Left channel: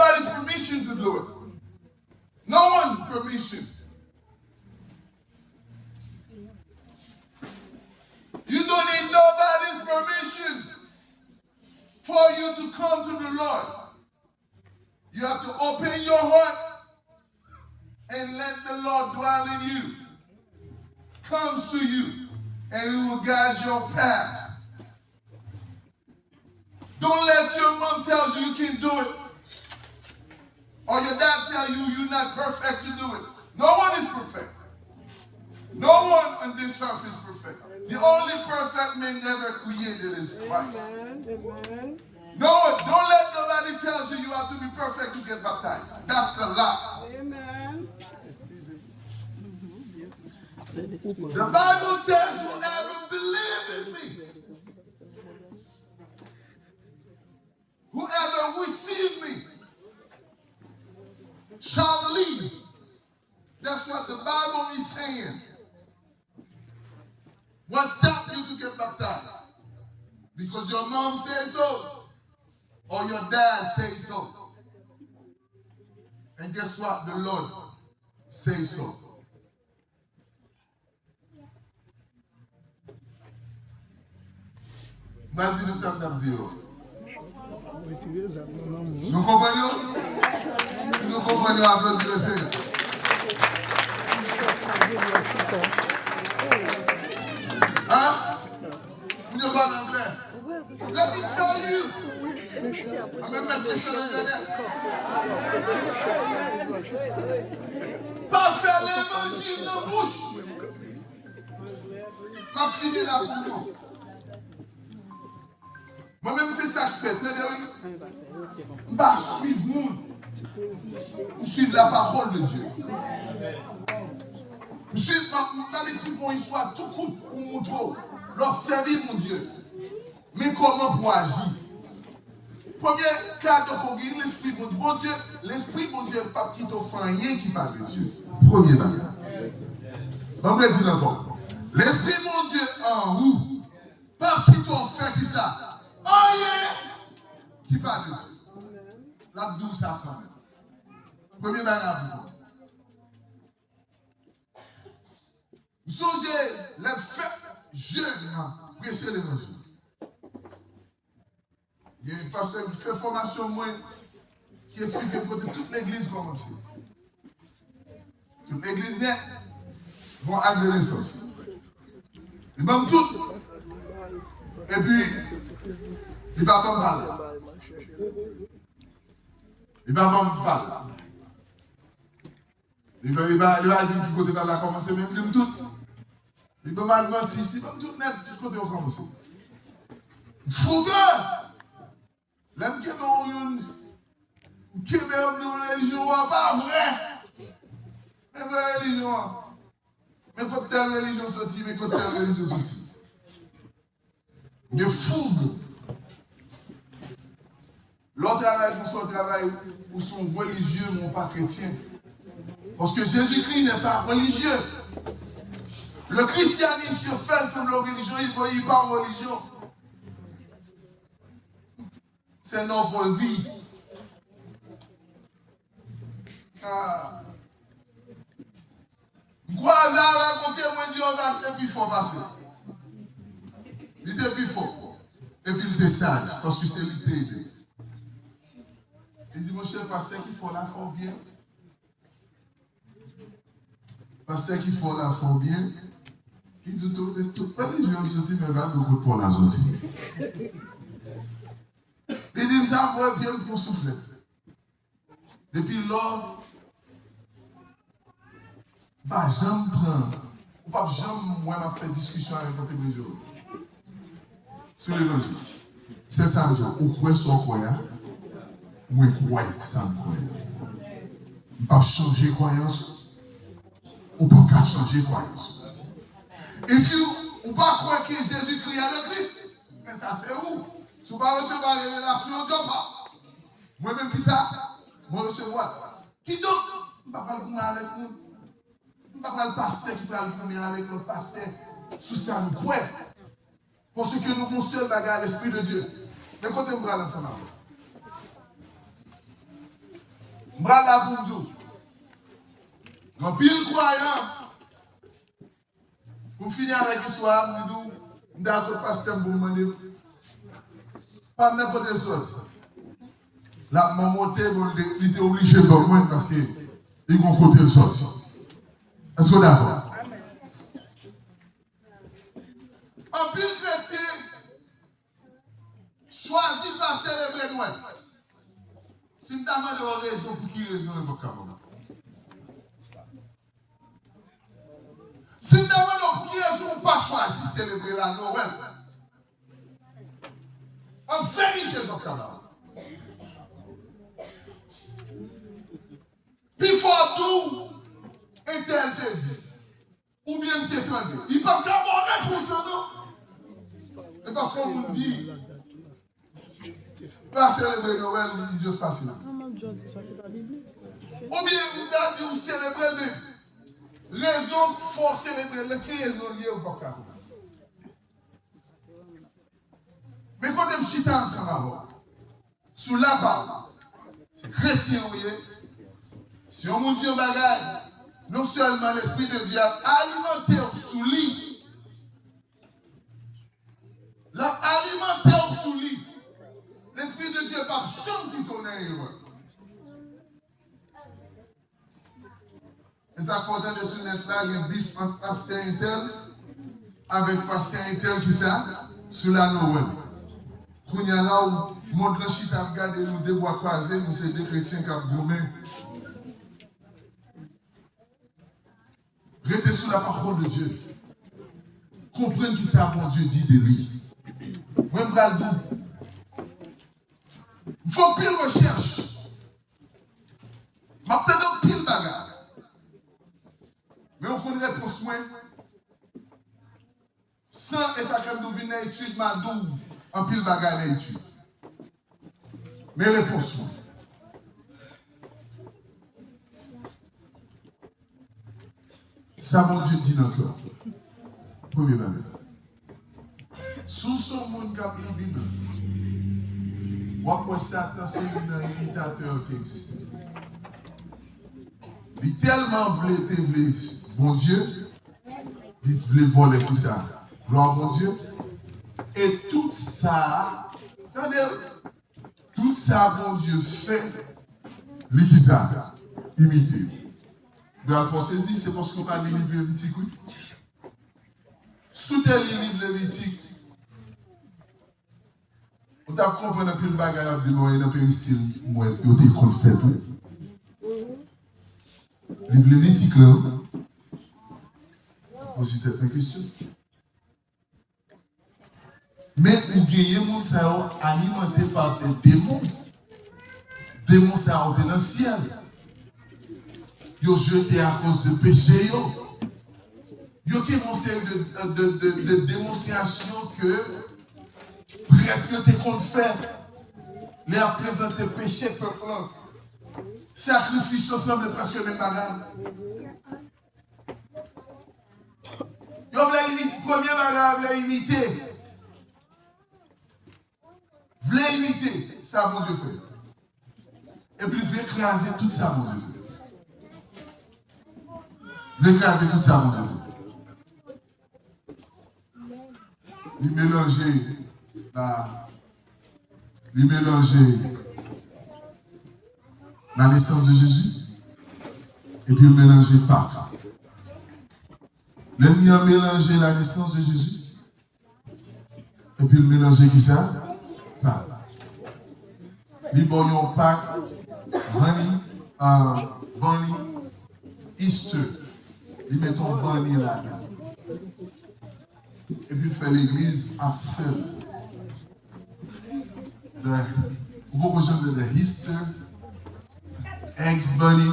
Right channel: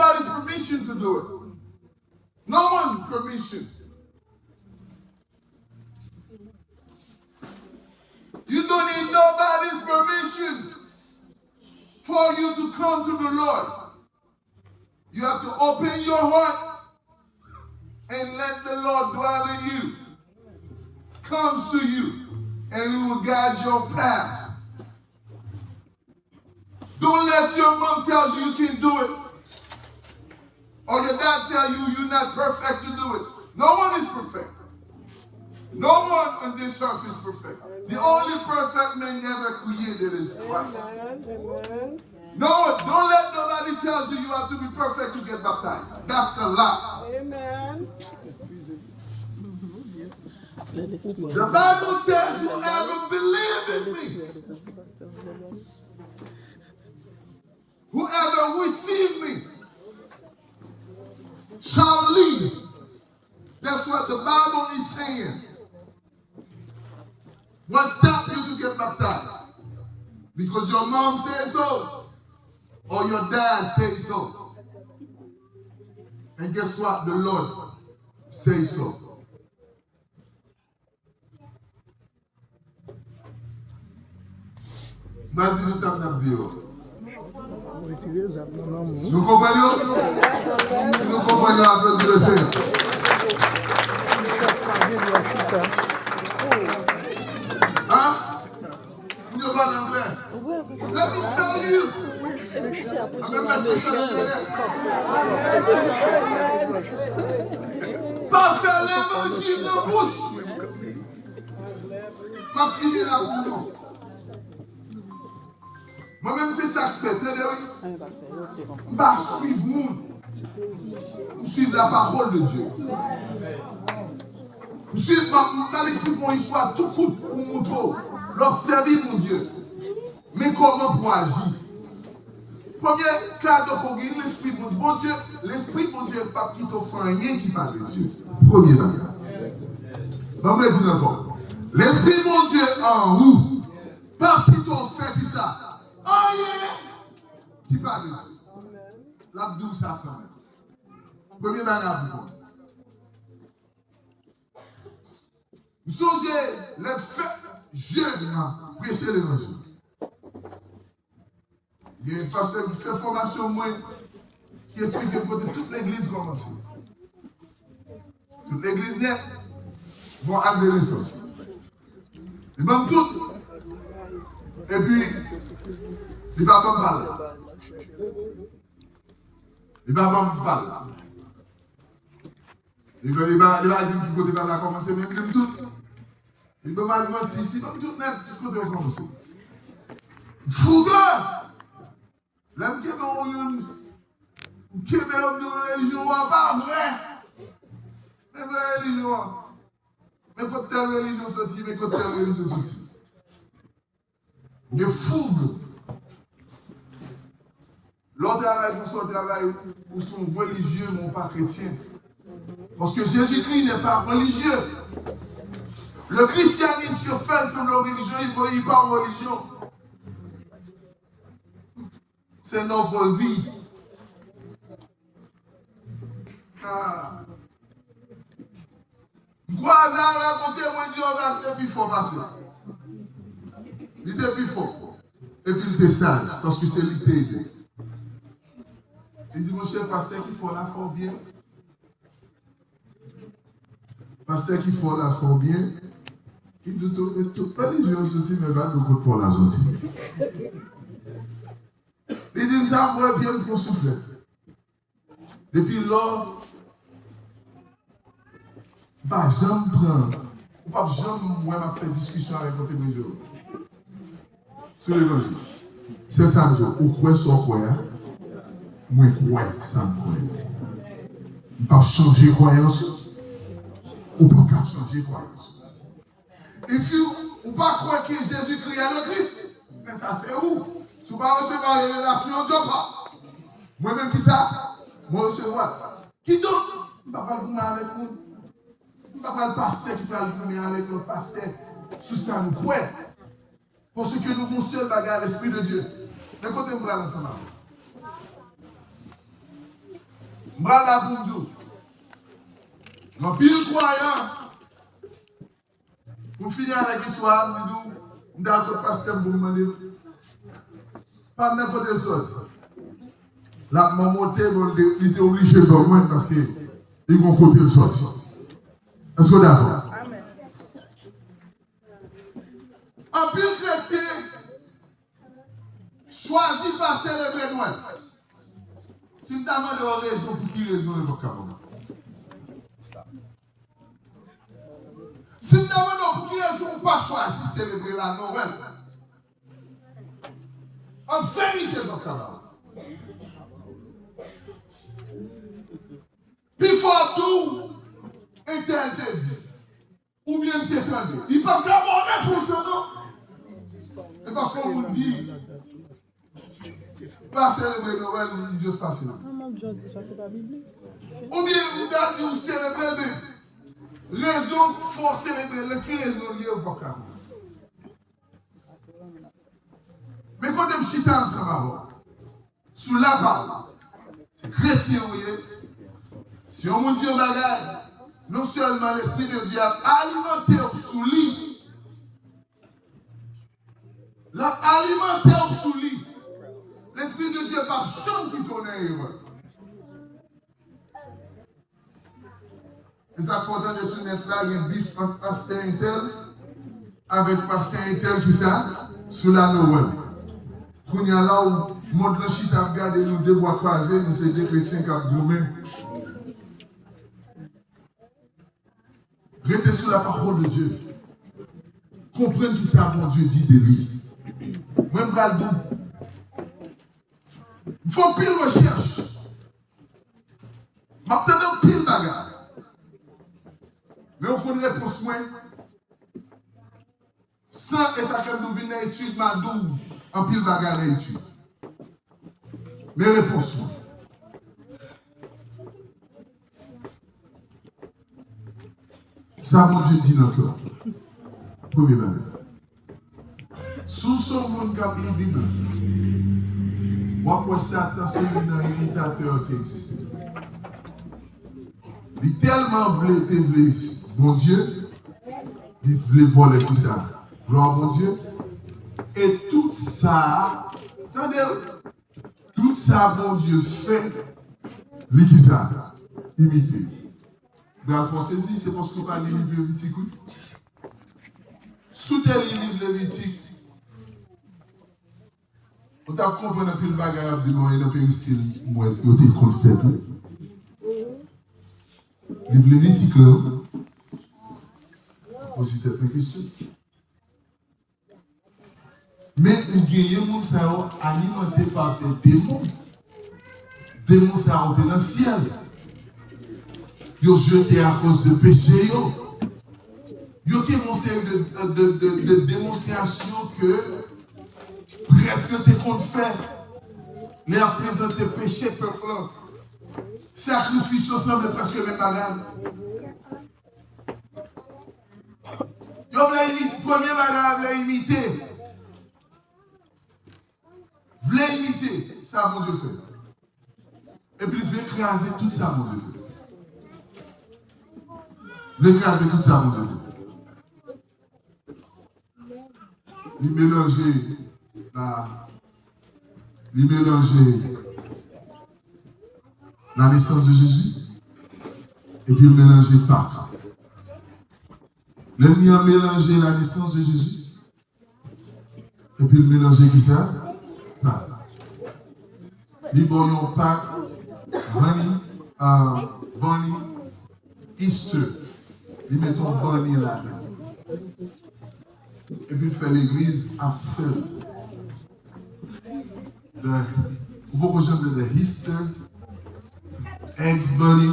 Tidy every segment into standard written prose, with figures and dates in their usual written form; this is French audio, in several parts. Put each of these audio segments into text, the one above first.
nobody's permission to do it. No one's permission. You don't need nobody's permission for you to come to the Lord. You have to open your heart and let the Lord dwell in you. Comes to you and He will guide your path. Don't let your mom tell you you can do it, or your dad tell you you're not perfect to do it. No one is perfect. No one on this earth is perfect. The only perfect man ever created is Christ. Amen. No one, don't let nobody tell you you have to be perfect to get baptized. That's a lie. Amen. The Bible says, whoever believes in me, whoever receives me, shall live. That's what the Bible is saying. What stopped you to get baptized? Because your mom says so, or your dad says so. And guess what? The Lord says so. Maintenant, ça me dit. Nous comprenons? Si nous comprenons, applaudissez le Seigneur. Hein? Vous ne parlez pas anglais? Let me tell you. Je vais mettre ça dans le pas faire l'évangile de bouche. Ma fille là pour nous. Moi-même, c'est ça que je fais. Je vais suivre nous. Je suis la parole de Dieu. Je suis pas l'écrit pour histoire, tout coup pour montrer. L'observer, mon Dieu. Mais comment pour agir? Premier cadre qu'on gagne, l'esprit, mon Dieu. L'esprit, mon Dieu, pas qui t'offre rien qui parle de Dieu. Premier bagage. On va dire encore. L'esprit, mon Dieu, en vous, pas qui t'offre qui ça. Rien qui parle de Dieu. La douce ça quand même. Premier bagage. Vous songez, les faits jeunes prêcher l'évangile. Il y a un pasteur qui fait formation moi qui explique que toute l'église commence. Toute l'église nette vont à l'adolescence. Ils vont tout. Et puis, il va pas me parler. Il va pas me parler. Il va dire qu'il côté va commencer, même il tout. Il va mal mentir ici, tout net, du côté on commence. Fougueux! L'homme qui est dans une religion, pas vrai. Mais vraie religion. Mais quand telle religion sortit, mais quand telle religion sortit. Il est fougue. L'autre travail pour son travail, où sont religieux, mais pas chrétiens. Parce que Jésus-Christ n'est pas religieux. Le christianisme se fait sur la religion, il n'est pas religion. C'est notre vie. Quoi ça raconter, moi, Dieu, on va être plus fort passer. Il était plus fort. Et puis il était sage, parce que c'est lui qui t'a aidé. Il dit, mon cher pasteur, qu'il faut la faire bien. Pasteur, qu'il faut la faire bien. Il dit, tout pas les gens se disent, mais va beaucoup pour la zone. Il dit, ça va bien pour souffler. Depuis là, bah, j'aime prendre. Ou pas, j'aime, moi, m'a fait discussion avec mon témoin sur l'évangile. C'est ça, vous croyez sur quoi, moi, je crois, ça me croit. Je ne peux pas changer croyance. Ou pas changer croyance. If you, ou pas croire que Jésus-Christ est le Christ, mais ça c'est où? Si vous ne recevez pas la révélation, je ne pas. Moi-même qui ça? Moi recevoir. Qui donc? Je ne peux pas parler avec vous. Je ne peux pas parler pasteur qui parle avec l'autre pasteur. Sous ça nous croyons. Parce que nous avons seul bagage l'Esprit de Dieu. Mais côté nous allons ensemble. M'bral la pour nous. En pile croyant, pour finir avec l'histoire, nous disons, nous pasteur pour demander, pas n'importe quelle sorte. La maman il était obligé de dormir parce qu'il y a un côté de sortie. Est-ce que vous d'accord? En pile chrétien, choisit pas célébrer Noël. Si nous avons des raisons, pour qui raison est votre capable? Si nous avons pour qui raison, pas choisi célébrer la Noël. En vérité, votre capable. Puis il faut tout interdit. Ou bien t'étendre. Il ne peut pas avoir réponse, non? Et parce qu'on vous dit, pas célébrer Noël, il dit, je se passe là. Ou bien, vous dit, vous célébrez, mais raison faut célébrer, qui raison liée au vocal. Mais quand on chita ensemble, sous la parole, c'est chrétien, vous voyez. Si on vous dit au bagage, non seulement l'esprit de Dieu a alimenté sous lit, l'a alimenté sous lit, l'esprit de Dieu par chambre qui connaît. Et ça faut entendre sur net là, il y a un bif entre pasteur Intel avec pasteur Intel qui ça, sur la Noël. Quand il y a là où le monde de chita a regardé nous deux bois croisés, nous c'est des chrétiens qui ont gommé. Restez sur la parole de Dieu. Comprenez qui ça mon Dieu dit de lui. Même pas le bout. Il faut pile recherche. Maintenant, pile bagarre. Mais on connaît réponse moins. Sans et ça comme nous venons à l'étude, ma double, en pile bagarre à l'étude. Mais réponse moins. Ça, mon Dieu dit dans le cœur. Premier bagage. Sous son monde qui a pris la Bible, moi, Satan, c'est un imitateur qui existe. Il tellement voulait bon Dieu, il voulait voler tout ça. Gloire mon Dieu. Et tout ça, attendez, tout ça, bon Dieu, fait, il dit ça, imiter. Vous avez saisi, c'est parce qu'on parle des livres lévitiques, oui. Sous tel livre lévitique, on t'a compris un peu le bagage de moi et un peu le style, moi, il était contre fait, oui. Livre lévitique, là, posez peut-être une question. Mais vous gagnez mon cerveau alimenté par des démons. Démons, ça ont été dans le ciel. Ils ont jeté à cause de péché. Ils ont été mon série de démonstrations que prêtre était contre fait. Les a présenté péché peuple. Sacrifice ensemble presque même bagarre. Ils ont imité, premier bagarre, ils ont imité. Voulait imiter, ça mon Dieu fait. Et puis il voulait écraser tout ça, mon Dieu fait. Il voulait écraser tout ça, mon Dieu fait. Il mélangeait la naissance de Jésus et puis il mélangeait Pâques. L'ennemi a mélangé la naissance de Jésus et puis il mélangeait qui ça? Pâques. Les boyons Pâques, Bunny, Easter. Ils mettent Bunny là. Et puis il fait l'église à feu. Beaucoup de gens de Easter, ex-Bunny.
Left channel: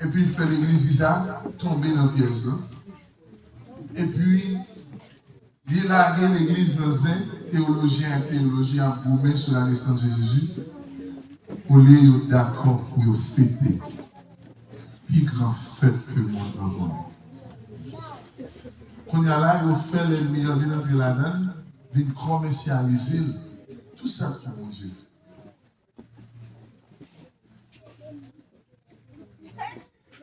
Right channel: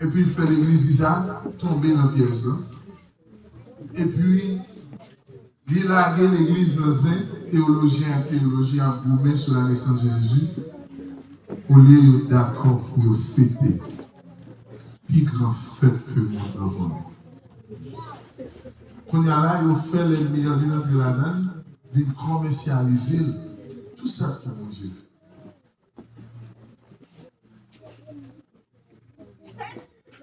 Et puis il fait l'église qui ça, tomber dans le piège blanc. Et puis, il a lagué l'église dans un théologien a boumé sur la naissance de Jésus. Pour lui, d'accord pour fêter. Plus grand fête que le monde a connu. Quand il y a là, il fait les meilleurs vins entre la donne, il commercialise tout ça, c'est mon Dieu.